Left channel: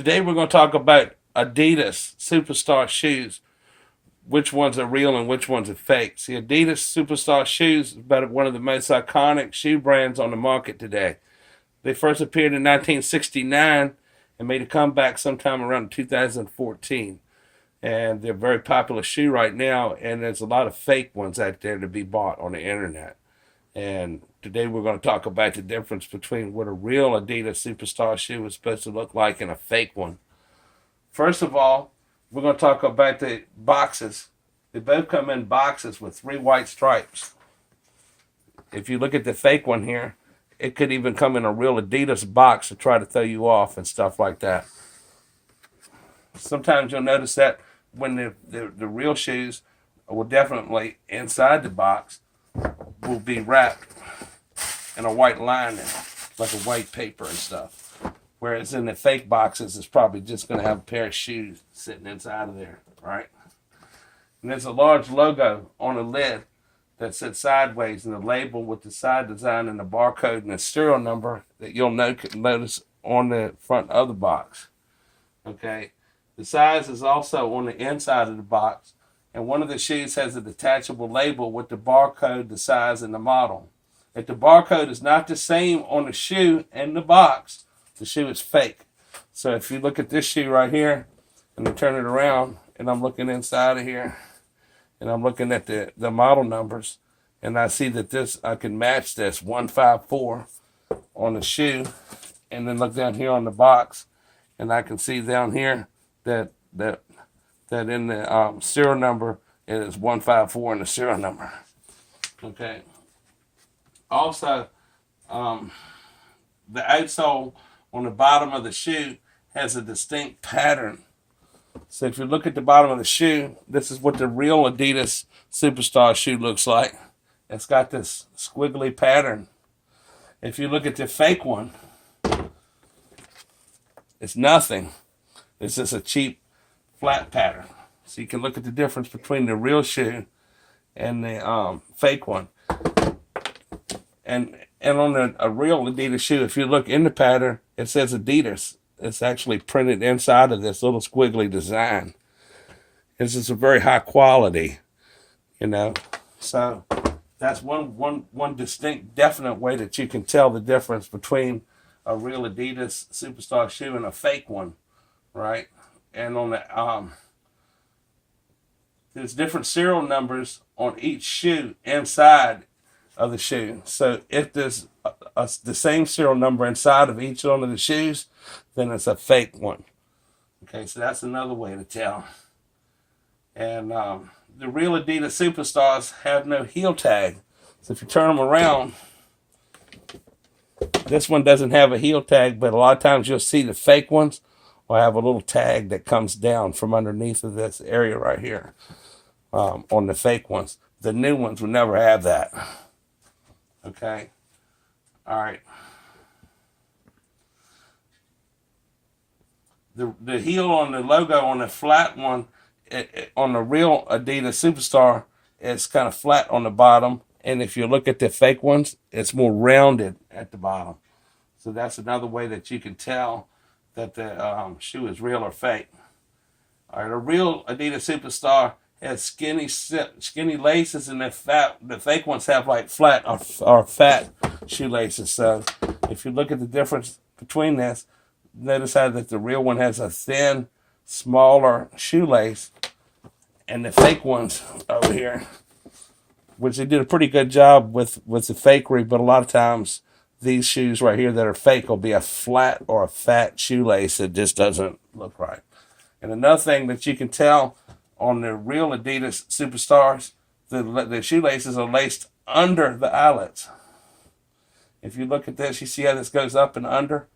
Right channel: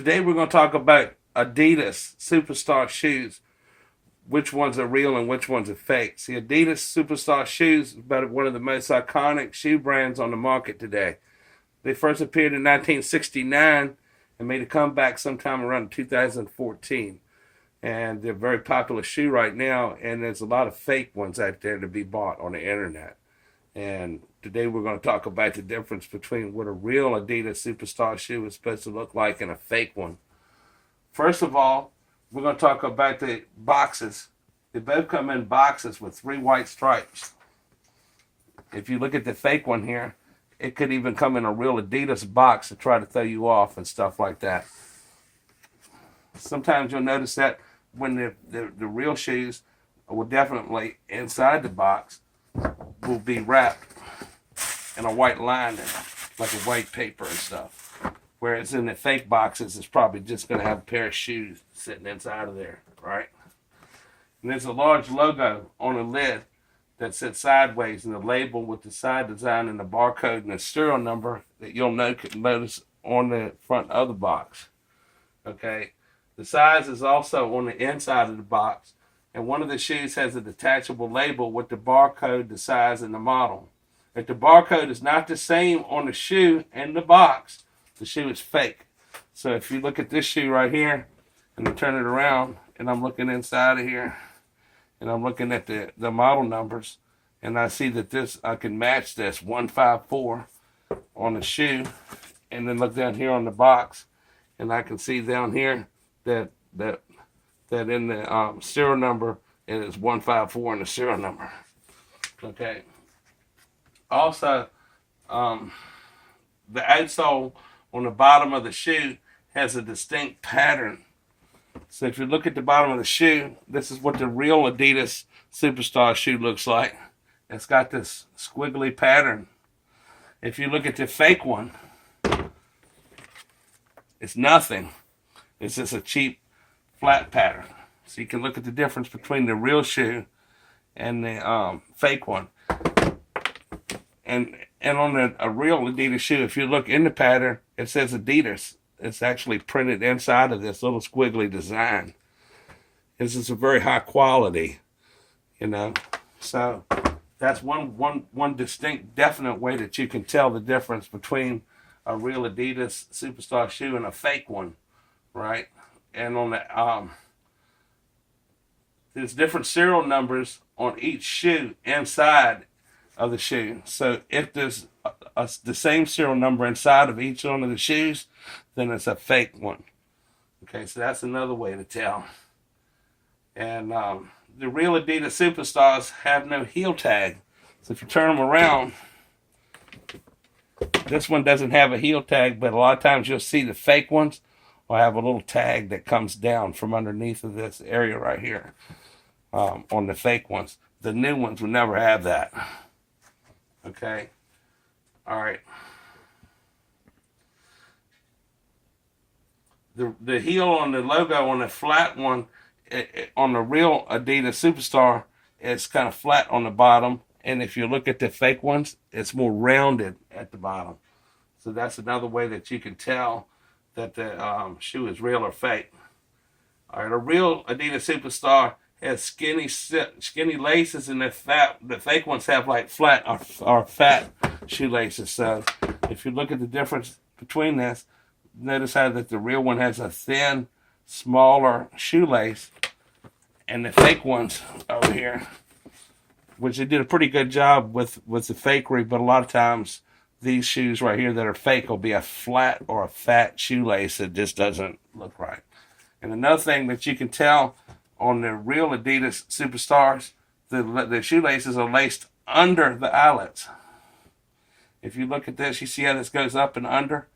Today we're going to talk about Adidas Superstar shoes. Which ones are real and which ones are fake. See, Adidas Superstar shoes is about one of the most iconic shoe brands on the market today. They first appeared in 1969 and made a comeback sometime around 2014. And they're a very popular shoe right now, and there's a lot of fake ones out there to be bought on the internet. And today we're going to talk about the difference between what a real Adidas Superstar shoe is supposed to look like and a fake one. First of all, we're going to talk about the boxes. They both come in boxes with 3 white stripes. If you look at the fake one here, it could even come in a real Adidas box to try to throw you off and stuff like that. Sometimes you'll notice that when the real shoes will definitely, inside the box, will be wrapped in a white lining, like a white paper and stuff. Whereas in the fake boxes, it's probably just going to have a pair of shoes sitting inside of there, right? And there's a large logo on the lid that sits sideways, and the label with the side design and the barcode and the serial number that you'll notice on the front of the box. Okay, the size is also on the inside of the box, and one of the shoes has a detachable label with the barcode, the size, and the model. If the barcode is not the same on the shoe and the box, the shoe is fake. So if you look at this shoe right here, and I turn it around, and I'm looking inside of here, and I'm looking at the model numbers, and I see that I can match this 154 on the shoe, and then look down here on the box, and I can see down here that in the serial number is 154 in the serial number. Okay. Also, the outsole on the bottom of the shoe has a distinct pattern. So if you look at the bottom of the shoe, this is what the real Adidas Superstar shoe looks like. It's got this squiggly pattern. If you look at the fake one, it's nothing. It's just a cheap flat pattern. So you can look at the difference between the real shoe and the fake one. And on a real Adidas shoe, if you look in the pattern, it says Adidas. It's actually printed inside of this little squiggly design. This is a very high quality, So that's one distinct, definite way that you can tell the difference between a real Adidas Superstar shoe and a fake one, right? And on the there's different serial numbers on each shoe inside of the shoe. So if there's the same serial number inside of each one of the shoes, then it's a fake one. Okay, so that's another way to tell. And the real Adidas Superstars have no heel tag. So if you turn them around, this one doesn't have a heel tag, but a lot of times you'll see the fake ones will have a little tag that comes down from underneath of this area right here on the fake ones. The new ones will never have that. Okay. All right. The heel on the logo on the flat one, on the real Adidas Superstar, it's kind of flat on the bottom. And if you look at the fake ones, it's more rounded at the bottom. So that's another way that you can tell that the shoe is real or fake. All right, a real Adidas Superstar has skinny laces, and the fake ones have like flat or fat shoelaces. So if you look at the difference between this, notice how that the real one has a thin, smaller shoelace, and the fake ones over here, which they did a pretty good job with the fakery, but a lot of times these shoes right here that are fake will be a flat or a fat shoelace that just doesn't look right. And another thing that you can tell on the real Adidas Superstars, the shoelaces are laced under the eyelets. If you look at this, you see how this goes up and under?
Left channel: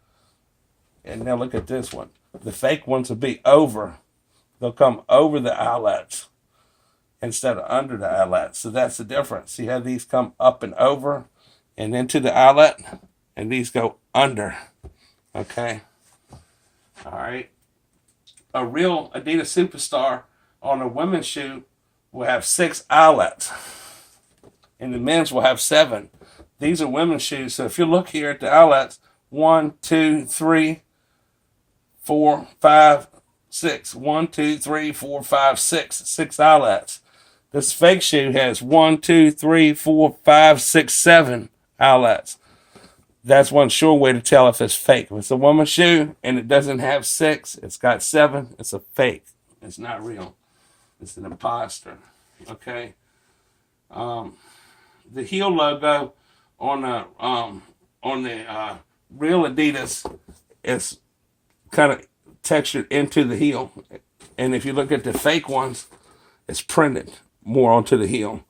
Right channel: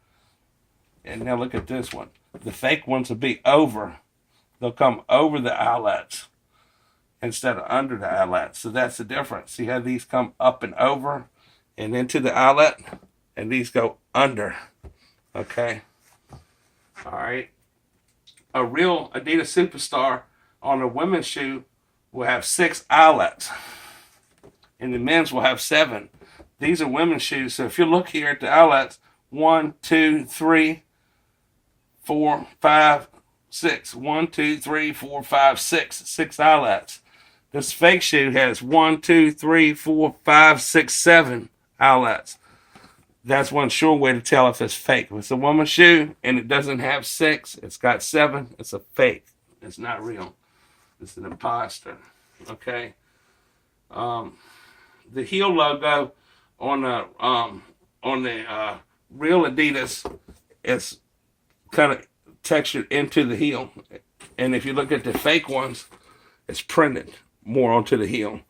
And now look at this one. The fake ones will be over. They'll come over the eyelets instead of under the eyelets. So that's the difference. See how these come up and over and into the eyelet? And these go under. Okay? All right. A real Adidas Superstar on a women's shoe will have 6 eyelets. And the men's will have 7. These are women's shoes. So if you look here at the eyelets, 1, 2, 3, 4, 5, 6. 1, 2, 3, 4, 5, 6. 6 eyelets. This fake shoe has 1, 2, 3, 4, 5, 6, 7 eyelets. That's one sure way to tell if it's fake. If it's a woman's shoe and it doesn't have 6, it's got 7, it's a fake. It's not real. It's an imposter. Okay. The heel logo on the real Adidas is kind of textured into the heel, and if you look at the fake ones, it's printed more onto the heel.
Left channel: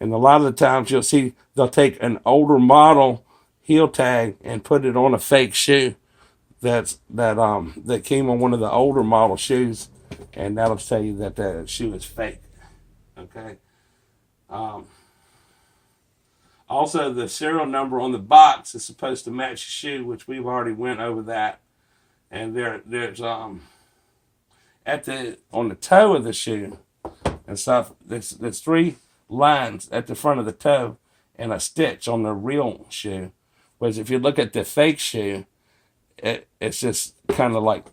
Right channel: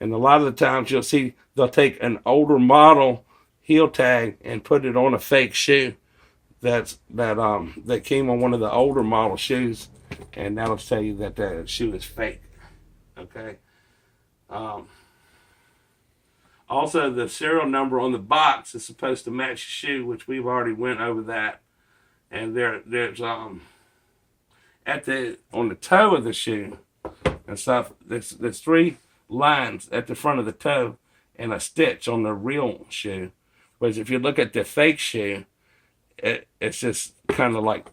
And a lot of the times you'll see they'll take an older model heel tag and put it on a fake shoe that came on one of the older model shoes, and that'll tell you that the shoe is fake. Okay. Also, the serial number on the box is supposed to match the shoe, which we've already went over that. And there's on the toe of the shoe and stuff, there's 3 lines at the front of the toe and a stitch on the real shoe. Whereas if you look at the fake shoe, it's just kind of like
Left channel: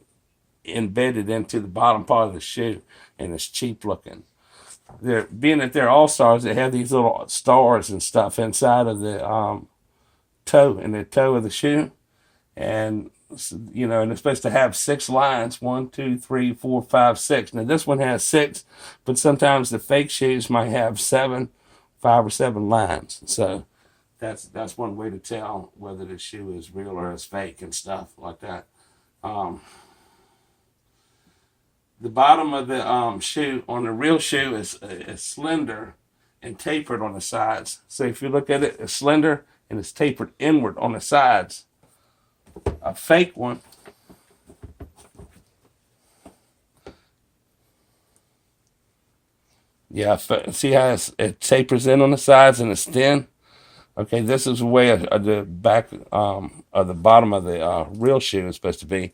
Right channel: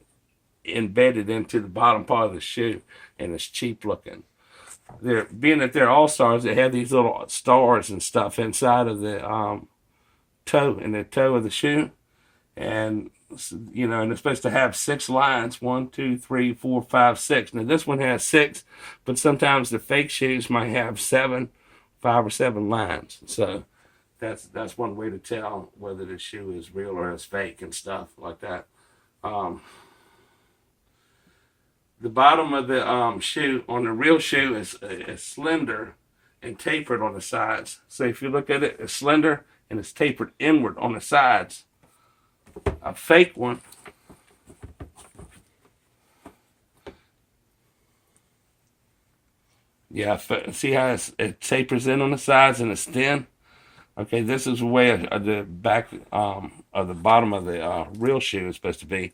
embedded into the bottom part of the shoe, and it's cheap looking. Being that they're all-stars, they have these little stars and stuff inside of the toe, in the toe of the shoe. And, you know, and it's supposed to have 6 lines, 1, 2, 3, 4, 5, 6. Now, this one has 6, but sometimes the fake shoes might have 7, 5 or 7 lines. So that's one way to tell whether the shoe is real or is fake and stuff like that. The bottom of the shoe on the real shoe is slender and tapered on the sides. So if you look at it, it's slender and it's tapered inward on the sides. A fake one, yeah, see how it tapers in on the sides and it's thin? Okay, this is the way the back of the bottom of the real shoe is supposed to be.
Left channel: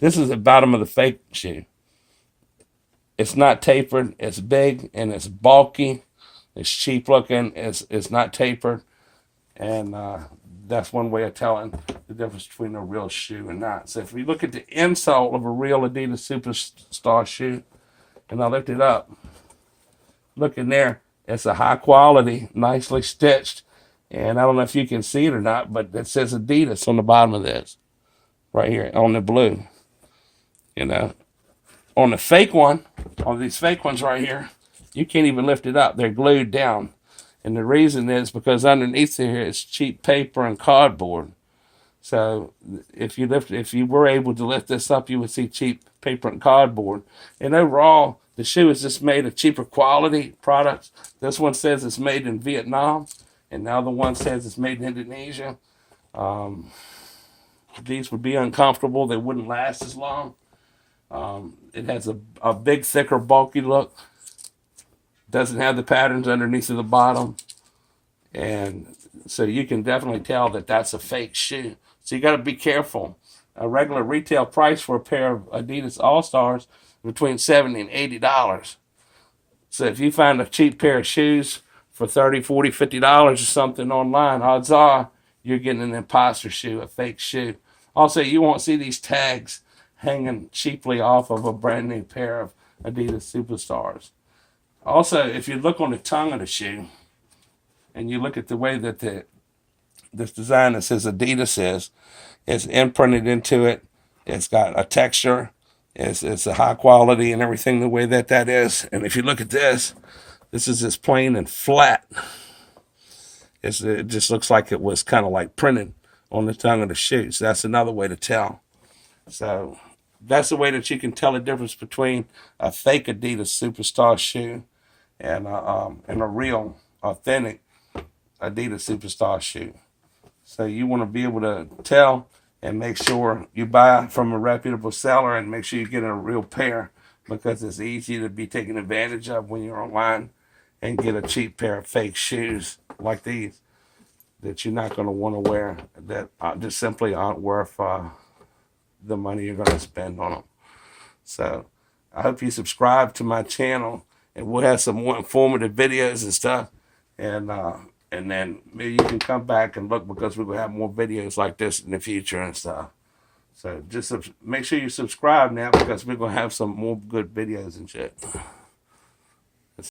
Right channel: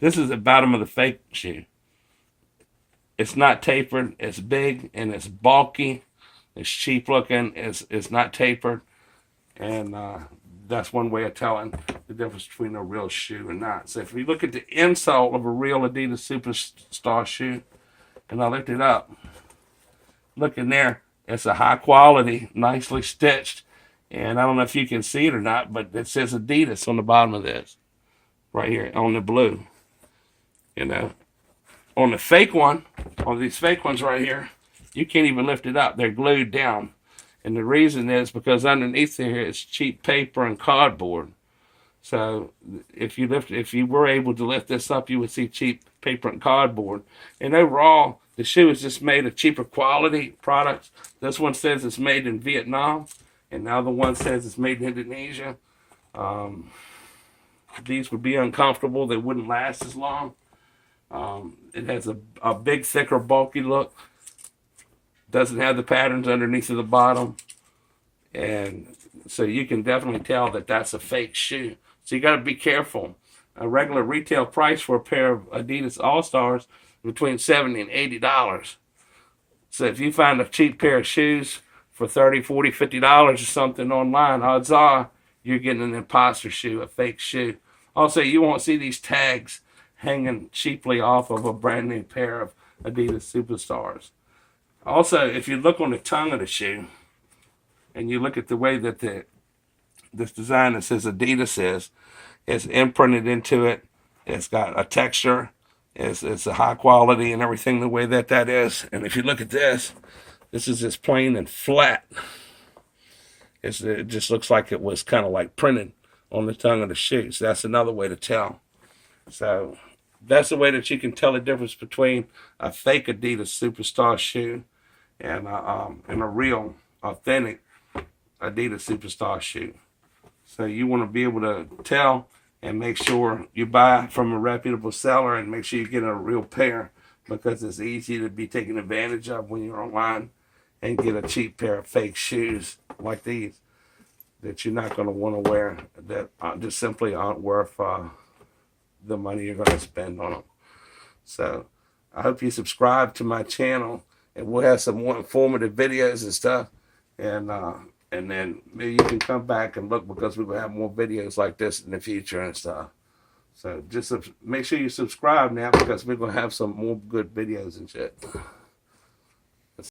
This is the bottom of the fake shoe. It's not tapered, it's big, and it's bulky, it's cheap looking, it's not tapered, and that's one way of telling the difference between a real shoe and not. So if we look at the insole of a real Adidas Superstar shoe, and I looked it up, look in there, it's a high quality, nicely stitched, and I don't know if you can see it or not, but it says Adidas on the bottom of this, right here, on the blue, you know. On the fake one, on these fake ones right here, you can't even lift it up. They're glued down. And the reason is because underneath here is cheap paper and cardboard. So if you were able to lift this up, you would see cheap paper and cardboard. And overall, the shoe is just made of cheaper quality products. This one says it's made in Vietnam, and the other one says it's made in Indonesia. These would be uncomfortable. They wouldn't last as long. It has a big, thicker, bulky look. Doesn't have the patterns underneath of the bottom. And so you can definitely tell that that's a fake shoe. So you got to be careful. A regular retail price for a pair of Adidas All-Stars between $70 and $80. So if you find a cheap pair of shoes for $30, $40, $50 or something online, odds are you're getting an imposter shoe, a fake shoe. Also, you won't see these tags hanging cheaply off of a brand new pair of Adidas Superstars. Also, if you look on the tongue of the shoe and you look at the way that this design that says Adidas is imprinted into it, it's got a texture, it's a high quality and everything the way that is. And if you look at this is just plain and flat. It just looks like it was kind of like printed on the tongue of the shoe. So that's another way to tell. So that's the way that you can tell the difference between a fake Adidas Superstar shoe and a real, authentic Adidas Superstar shoe. So you want to be able to tell and make sure you buy from a reputable seller and make sure you get a real pair, because it's easy to be taken advantage of when you're online and get a cheap pair of fake shoes like these that you're not going to want to wear, that just simply aren't worth the money you're going to spend on them. So I hope you subscribe to my channel, and we'll have some more informative videos and stuff. And then maybe you can come back and look, because we're going to have more videos like this in the future and stuff. So just make sure you subscribe now, because we're going to have some more good videos and shit.